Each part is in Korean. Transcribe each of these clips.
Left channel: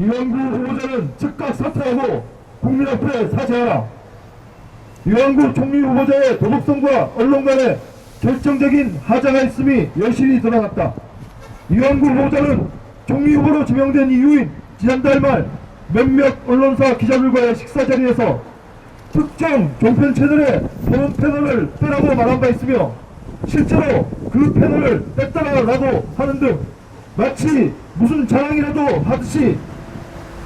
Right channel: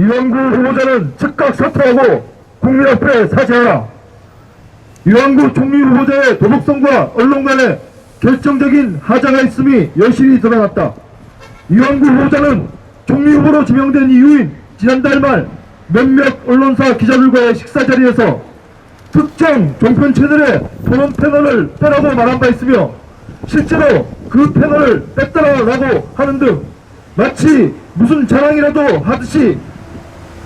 이완구 후보자는 즉각 사퇴하고 국민 앞에 사죄하라. 이완구 총리 후보자의 도덕성과 언론 간에 결정적인 하자가 있음이 여실히 드러났다. 이완구 후보자는 총리 후보로 지명된 이후인 지난달 말 몇몇 언론사 기자들과의 식사 자리에서 특정 종편 채널의 토론 패널을 빼라고 말한 바 있으며 실제로 그 패널을 뺐다라고 하는 등 마치 무슨 자랑이라도 하듯이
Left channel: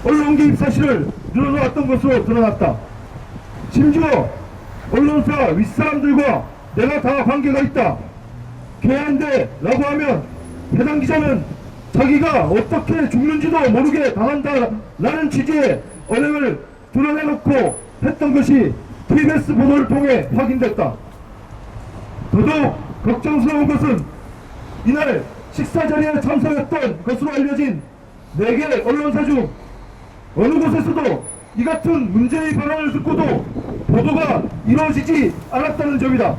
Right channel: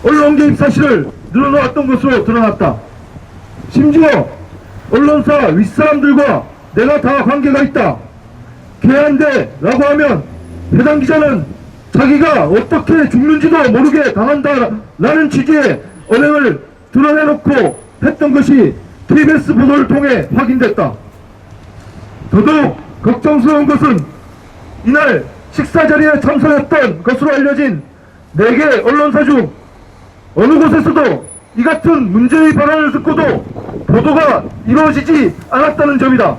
언론 개입 사실을 늘어놓았던 것으로 드러났다. 심지어 언론사 윗사람들과 내가 다 관계가 있다, 개한돼 라고 하면 해당 기자는 자기가 어떻게 죽는지도 모르게 당한다라는 취지의 언행을 드러내놓고 했던 것이 TBS 보도를 통해 확인됐다. 더더욱 걱정스러운 것은 이날 식사 자리에 참석했던 것으로 알려진 4개 언론사 중 어느 곳에서도 이 같은 문제의 발언을 듣고도 보도가 이루어지지 않았다는 점이다.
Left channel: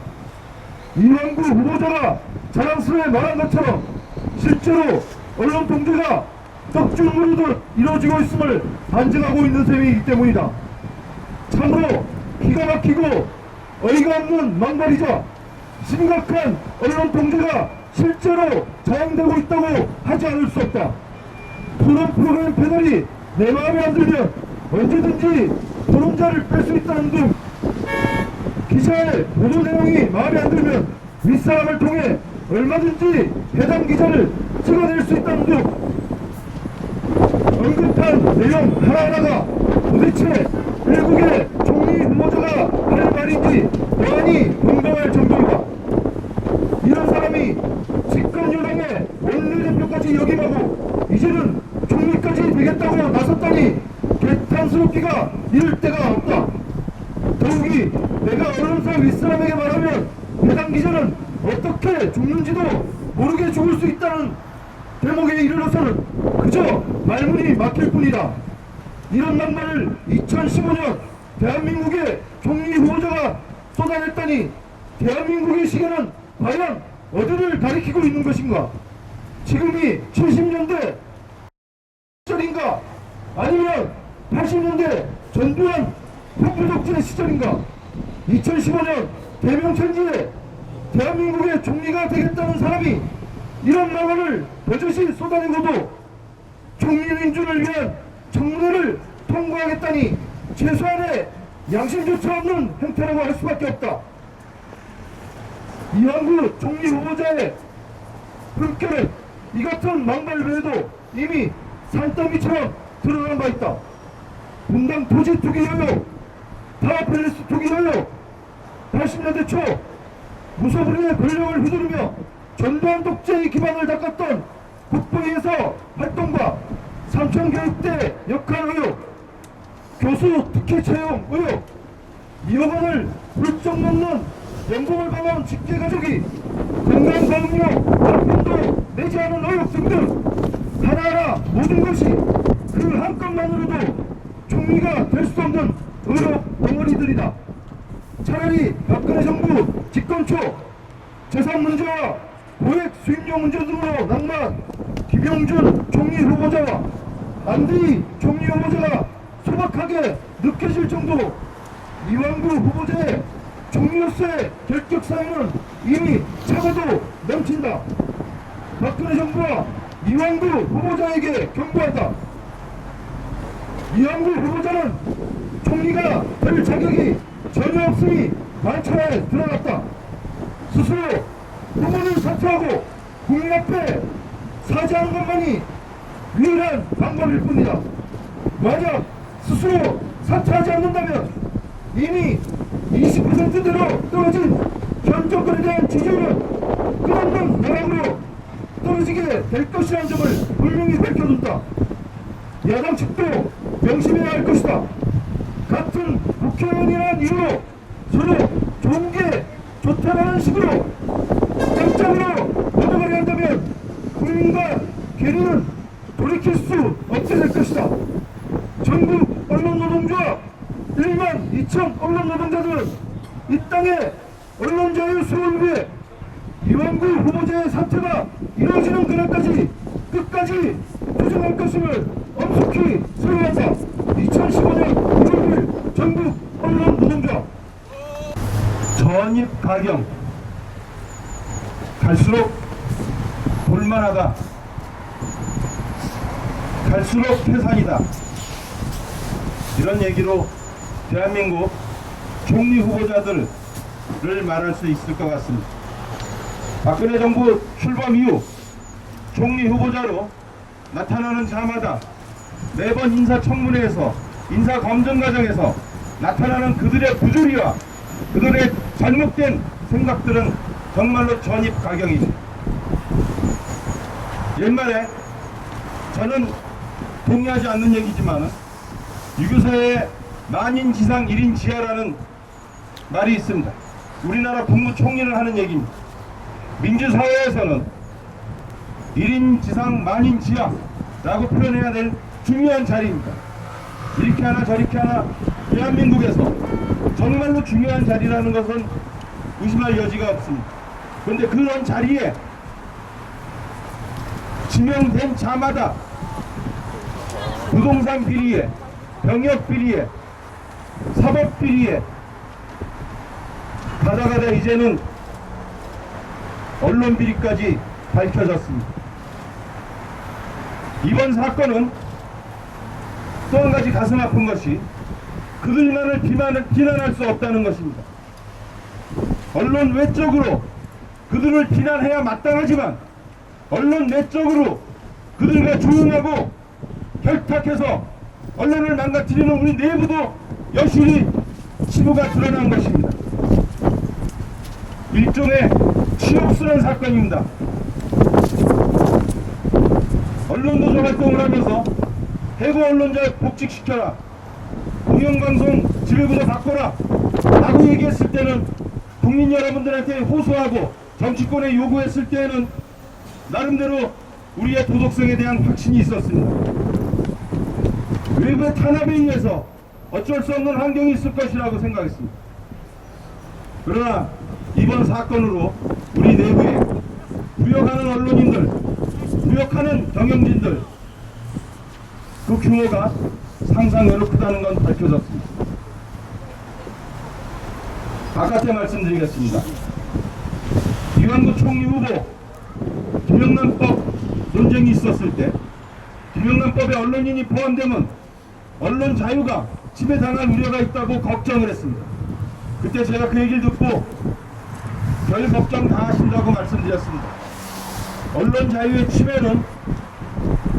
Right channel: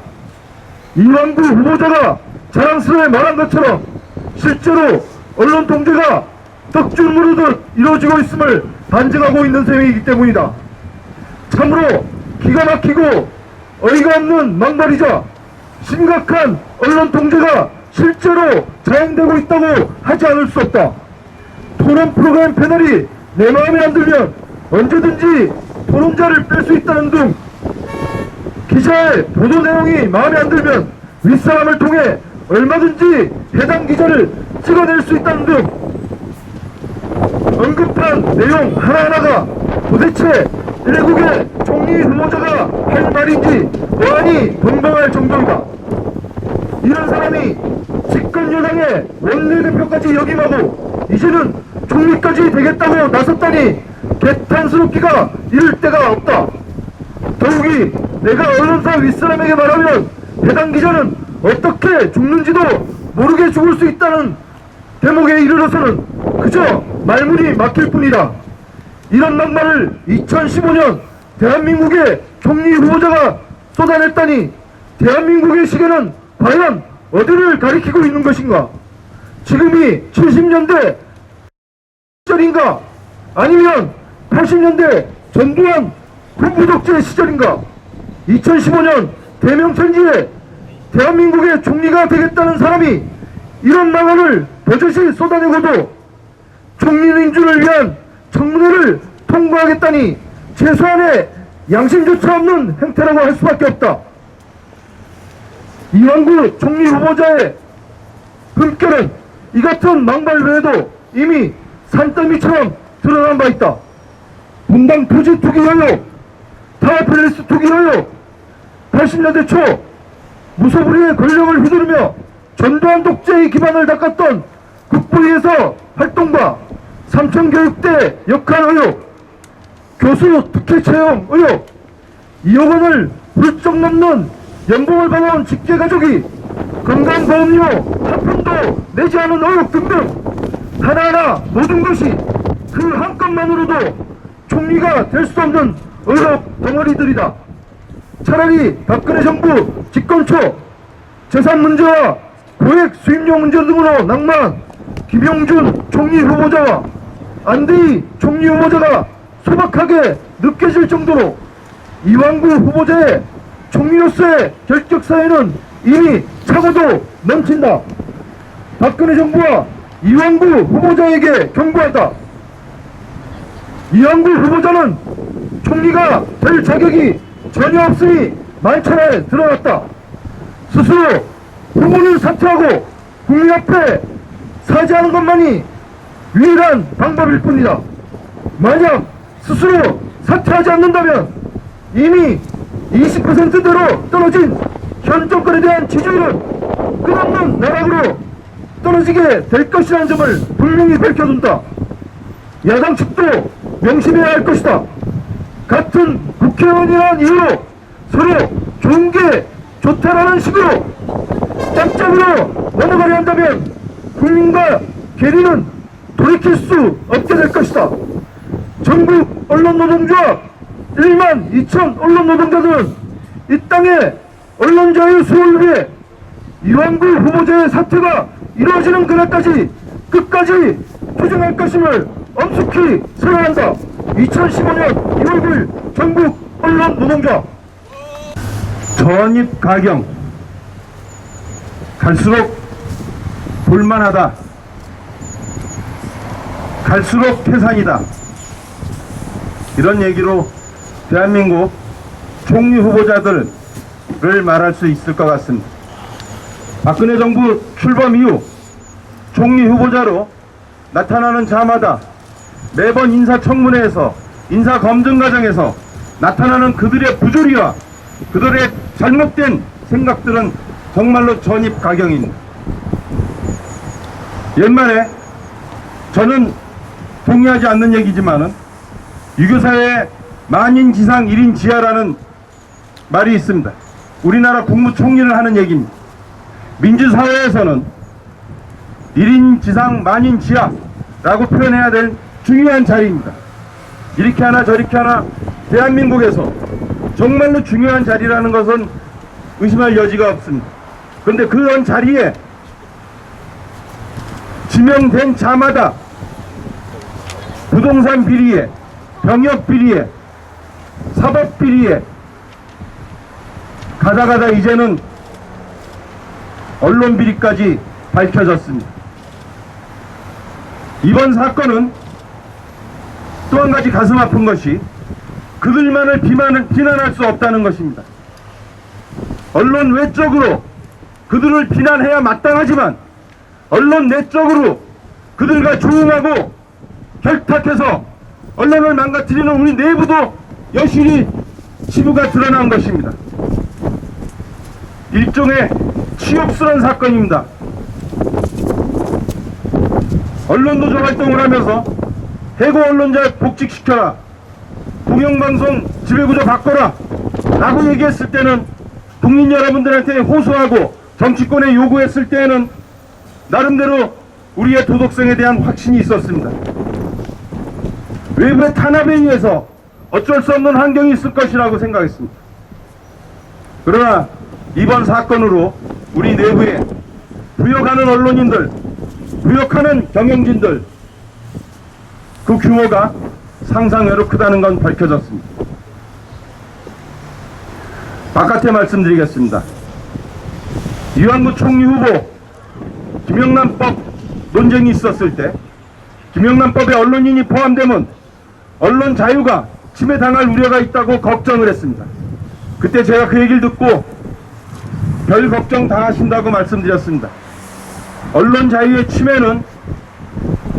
이완구 후보자가 자랑스레 말한 것처럼 실제로 언론 통제가 떡줄 무르듯 이루어지고 있음을 반증하고 있는 셈이기 때문이다. 참으로 기가 막히고 어이가 없는 막말이자 심각한 언론 통제가 실제로 자행되고 있다고 하지 않을 수 없다. 토론 프로그램 패널이 내 마음에 안 들면 언제든지 토론자를 뺄 수 있다는 등 기자의 보도 내용이 마음에 안 들면 윗사람을 통해 얼마든지 해당 기자를 찍어낼 수 있다는 등 언급한 내용 하나하나가 도대체 일국의 총리 후보자가 할 말인지 어안이 벙벙할 정도이다. 이런 사람이 집권 여당의 원내대표까지 역임하고 이제는 총리까지 되겠다고 나섰다니 개탄스럽기가 이를 데가 없다. 더욱이 내가 언론사 윗사람에게 말하면 해당 기자는 어떻게 죽는지도 모르게 죽을 수 있다는 대목에 이르러서는 그저 말문이 막힐 뿐이다. 이런 막말을 2015년 대한민국의 총리 후보자가 쏟아냈다니 대한민국의 시계는 과연 어디를 가리키고 있는 것인가? 지금이 70년대 시절인가? 아니면 80년대 전두환 군부독재 시절인가? 2015년 대명천지에 대한민국의 총리가 되겠다는 사람이 이런 망언을 버젓이 쏟아내고도 총리 민주를 위한 청문회를 통과하겠다니 최소한의 양심조차 없는 행태라고 할 수밖에 없다. 이완구 총리 후보자의 품격은 이 같은 망발 외에도 이미 산더미처럼 드러난 바 있다. 분당 토지 투기 의혹, 타워팰리스 투기 의혹, 80년대 초 무소불위의 권력을 휘두르며 전두환 독재의 기반을 닦았던 국부위에서 활동과 삼천교육대 역할 의혹, 교수 특혜 채용 의혹, 2억 원을 훌쩍 넘는 연봉을 받아온 직계가족이 건강보험료 한 푼도 내지 않은 의혹 등등 하나하나 모든 것이 그 한 건만으로도 총리가 될 수 없는 의혹 덩어리들이다. 차라리 박근혜 정부 집권 초 재산 문제와 고액 수입료 문제 등으로 낙마한 김용준 총리 후보자와 안대희 총리 후보자가 소박하게 느껴질 정도로 이완구 후보자의 총리로서의 결격 사유는 이미 차고도 넘친다. 박근혜 정부와 이완구 후보자에게 경고한다. 이완구 후보자는 총리가 될 자격이 전혀 없음이 만천하에 드러났다. 스스로 후보를 사퇴하고 국민 앞에 사죄하는 것만이 유일한 방법일 뿐이다. 만약 스스로 사퇴하지 않는다면 이미 20%대로 떨어진 현 정권에 대한 지지율은 끝없는 나락으로 떨어지게 될 것이라는 점을 분명히 밝혀둔다. 야당 측도 명심해야 할 것이다. 같은 국회의원이라는 이유로 서로 좋은 게 좋다라는 식으로 짬짬으로 넘어가려 한다면 국민과 계리는 돌이킬 수 없게 될 것이다. 전국 언론노동조합 1만 2천 언론노동자들은 이 땅의 언론자유 수호를 위해 이완구 후보자의 사퇴가 이루어지는 그날까지 끝까지 투쟁할 것임을 엄숙히 서명한다. 2015년 1월 9일 전국 언론 노동자. 전입 가경 갈수록 볼만하다. 갈수록 태산이다. 이런 얘기로 대한민국 총리 후보자들을 말할 수 있을 것 같습니다. 박근혜 정부 출범 이후 총리 후보자로 나타나는 자마다 매번 인사청문회에서 인사검증 과정에서 나타나는 그들의 부조리와 그들의 잘못된 생각들은 정말로 전입가경입니다. 옛말에 저는 동의하지 않는 얘기지만은 유교사회에 만인지상 1인지하라는 말이 있습니다. 우리나라 국무총리를 하는 얘기입니다. 민주사회에서는 1인지상 만인지하라고 표현해야 될 중요한 자리입니다. 이렇게 하나 저렇게 하나 대한민국에서 정말로 중요한 자리라는 것은 의심할 여지가 없습니다. 그런데 그런 자리에 지명된 자마다 부동산 비리에, 병역 비리에, 사법 비리에 가다가다 이제는 언론 비리까지 밝혀졌습니다. 이번 사건은 또 한 가지 가슴 아픈 것이 그들만을 비난할 수 없다는 것입니다. 언론 외적으로 그들을 비난해야 마땅하지만 언론 내적으로 그들과 조응하고 결탁해서 언론을 망가뜨리는 우리 내부도 여실히 치부가 드러난 것입니다. 일종의 치욕스러운 사건입니다. 언론노조 활동을 하면서 해고 언론자 복직시켜라, 공영방송 지배구조 바꿔라 라고 얘기했을 때는 국민 여러분들한테 호소하고 정치권에 요구했을 때에는 나름대로 우리의 도덕성에 대한 확신이 있었습니다. 외부의 탄압에 의해서 어쩔 수 없는 환경이 있을 것이라고 생각했습니다. 그러나 이번 사건으로 우리 내부에 부역하는 언론인들, 부역하는 경영진들 그 규모가 상상외로 크다는 건 밝혀졌습니다. 바깥에 말씀드리겠습니다. 이완구 총리 후보 김영란법 논쟁이 있었을 때 김영란법에 언론인이 포함되면 언론 자유가 침해당할 우려가 있다고 걱정을 했습니다. 그때 제가 그 얘기를 듣고 별 걱정 다 하신다고 말씀드렸습니다. 언론 자유의 침해는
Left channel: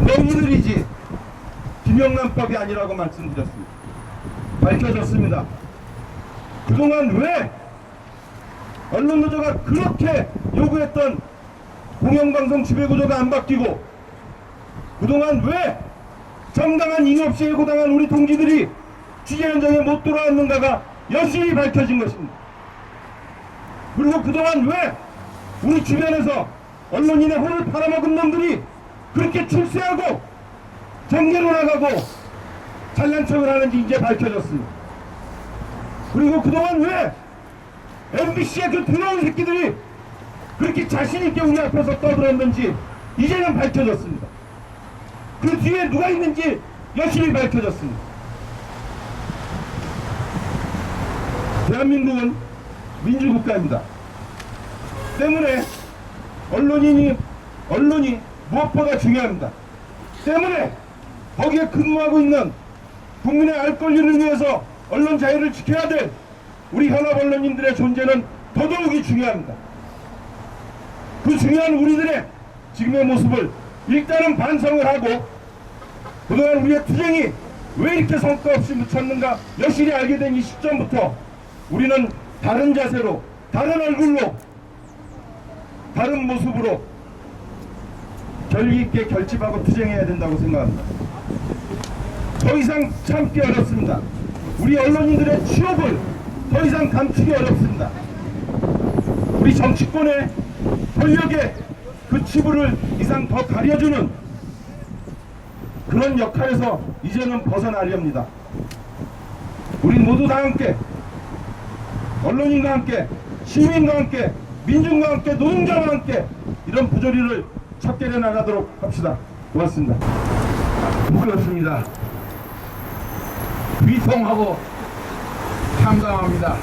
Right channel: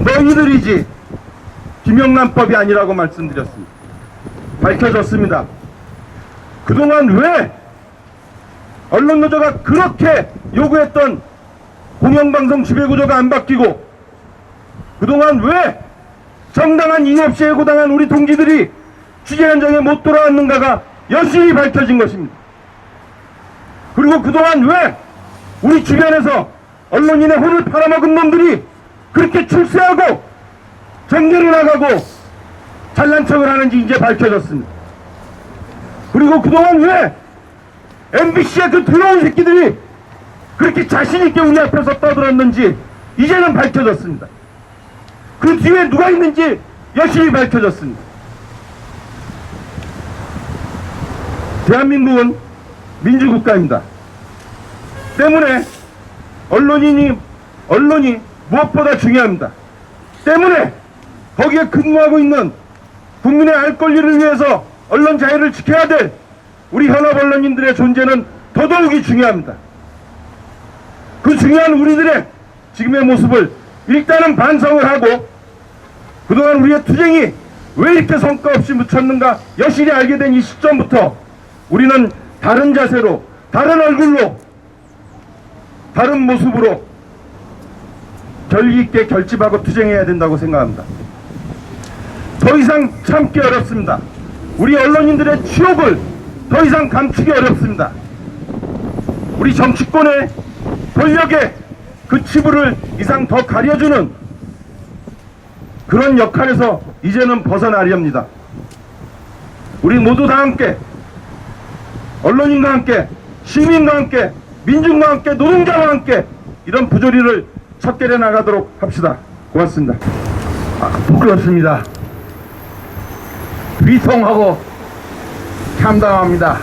너희들이지 김영란법이 아니라고 말씀드렸습니다. 밝혀졌습니다. 그동안 왜 언론노조가 그렇게 요구했던 공영방송 지배구조가 안 바뀌고 그동안 왜 정당한 이유 없이 해고당한 우리 동지들이 취재 현장에 못 돌아왔는가가 여실히 밝혀진 것입니다. 그리고 그동안 왜 우리 주변에서 언론인의 혼을 팔아먹은 놈들이 그렇게 출세하고 정계를 나가고 잘난 척을 하는지 이제 밝혀졌습니다. 그리고 그동안 왜 MBC의 그 더러운 새끼들이 그렇게 자신있게 우리 앞에서 떠들었는지 이제는 밝혀졌습니다. 그 뒤에 누가 있는지 여실히 밝혀졌습니다. 대한민국은 민주국가입니다. 때문에 언론이 무엇보다 중요합니다. 때문에 거기에 근무하고 있는 국민의 알 권리를 위해서 언론 자유를 지켜야 될 우리 현업 언론인들의 존재는 더더욱이 중요합니다. 그 중요한 우리들의 지금의 모습을 일단은 반성을 하고 그동안 우리의 투쟁이 왜 이렇게 성과 없이 묻혔는가 여실히 알게 된 이 시점부터 우리는 다른 자세로, 다른 얼굴로, 다른 모습으로 결기 있게 결집하고 투쟁해야 된다고 생각합니다. 더 이상 참기 어렵습니다. 우리 언론인들의 치욕을 더 이상 감추기 어렵습니다. 우리 정치권의 권력의 그 치부를 이상 더 가려주는 그런 역할에서 이제는 벗어나렵니다. 우리 모두 다 함께 언론인과 함께 시민과 함께 민중과 함께 노동자와 함께 이런 부조리를 척결해 나가도록 합시다. 고맙습니다. 부끄럽습니다. 비통하고 참담합니다.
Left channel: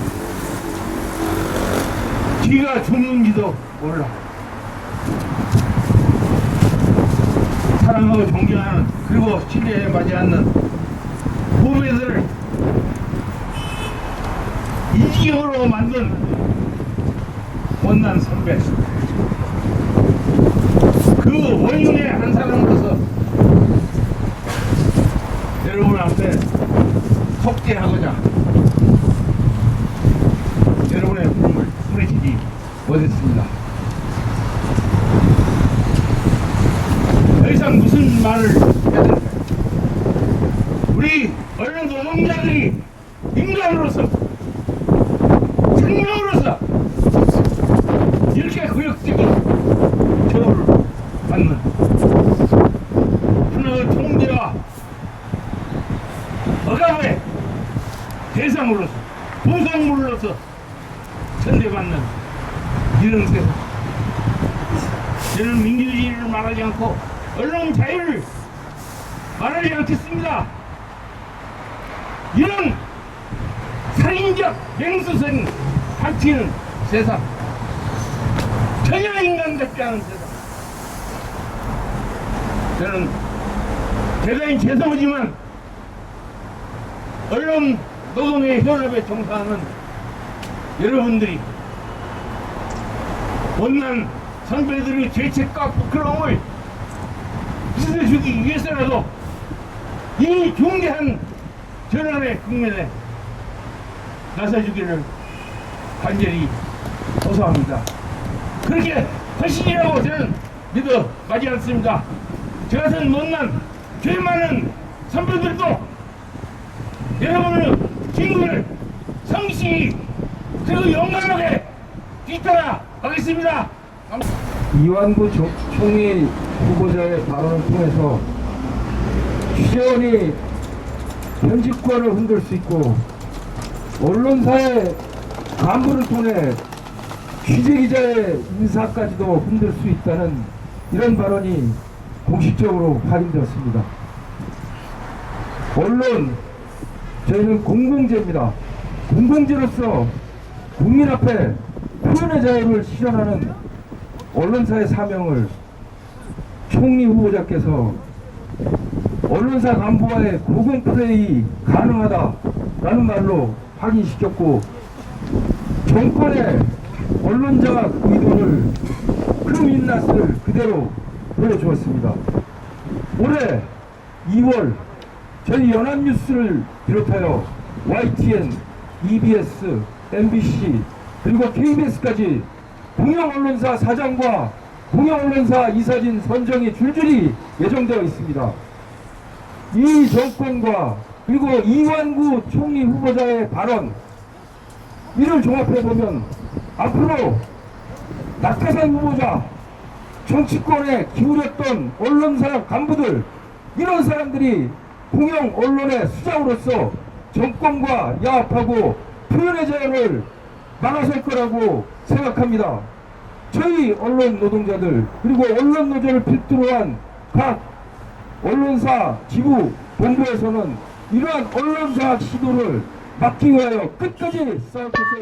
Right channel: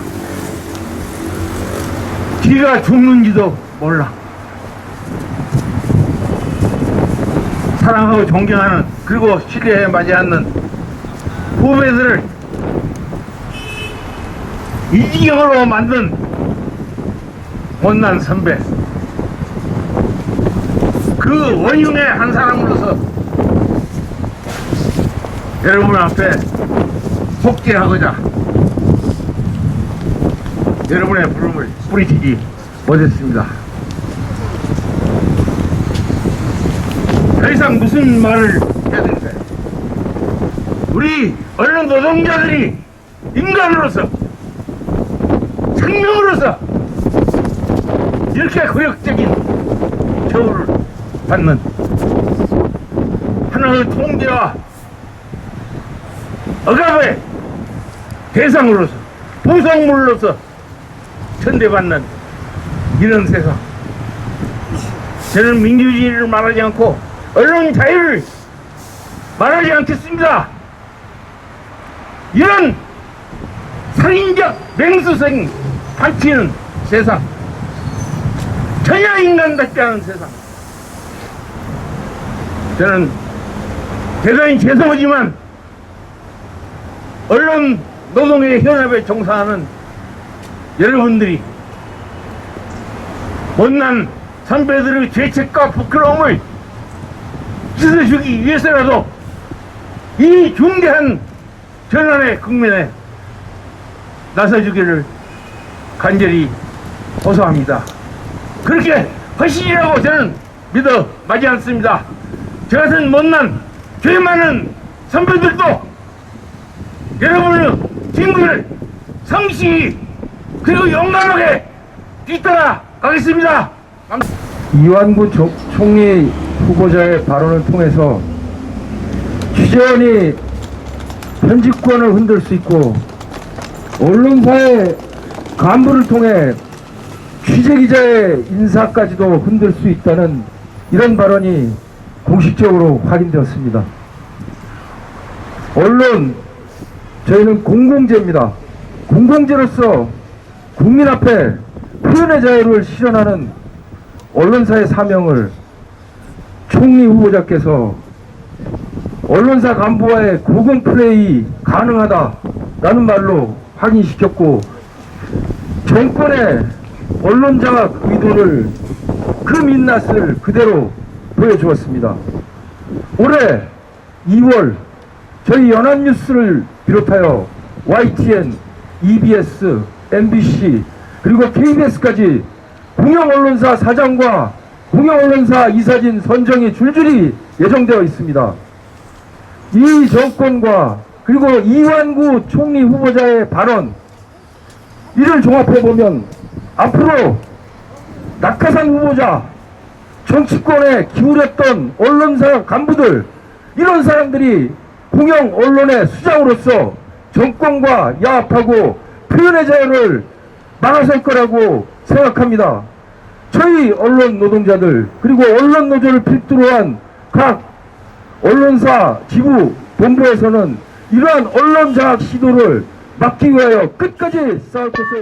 지가 죽는지도 몰라. 사랑하고 존경하는, 그리고 신뢰에 맞이하는 후배들을 이 지경으로 만든 못난 선배, 그 원흉의 한 사람으로서 여러분 앞에 속죄하고자 여러분의 부름을 뿌리치지 못했습니다. 더 이상 무슨 말을 해야 될까요? 우리 언론 노동자들이 인간으로서, 생명으로서 이렇게 고역적인 처우를 받는 하나의 통제와 억압의 대상으로서, 보상물로서 천대받는 이런 세상, 저는 민주주의를 말하지 않고 언론 자유를 말하지 않겠습니다. 이런 살인적 맹수성 바치는 세상, 전혀 인간답지 않은 세상, 저는 대단히 죄송하지만 언론 노동의 현업에 종사하는 여러분들이 못난 선배들의 죄책과 부끄러움을 씻어주기 위해서라도 이 중대한 전환의 국면에 나서주기를 간절히 호소합니다. 그렇게 하시리라고 저는 믿어 마지 않습니다. 저 같은 못난 죄 많은 선배들도 여러분의 친구를 성실히 그리고 용감하게 뒤따라 가겠습니다. 이완구 총리 후보자의 발언을 통해서 취재원이 편집권을 흔들 수 있고 언론사의 간부를 통해 취재기자의 인사까지도 흔들 수 있다는 이런 발언이 공식적으로 확인되었습니다. 언론, 저희는 공공재입니다. 공공재로서 국민 앞에 표현의 자유를 실현하는 언론사의 사명을 총리 후보자께서 언론사 간부와의 고공 플레이 가능하다라는 말로 확인시켰고, 정권의 언론 장악 의도를 그 민낯을 그대로 보여주었습니다. 올해 2월 저희 연합뉴스를 비롯하여 YTN, EBS, MBC 그리고 KBS까지 공영언론사 사장과 공영언론사 이사진 선정이 줄줄이 예정되어 있습니다. 이 정권과 그리고 이완구 총리 후보자의 발언, 이를 종합해보면 앞으로 낙하산 후보자, 정치권에 기울였던 언론사 간부들, 이런 사람들이 공영 언론의 수장으로서 정권과 야합하고 표현의 자유를 막아설 거라고 생각합니다. 저희 언론 노동자들 그리고 언론 노조를 필두로 한 각 언론사 지부 본부에서는 이러한 언론 장악 시도를 막기 위하여 끝까지 싸울 것을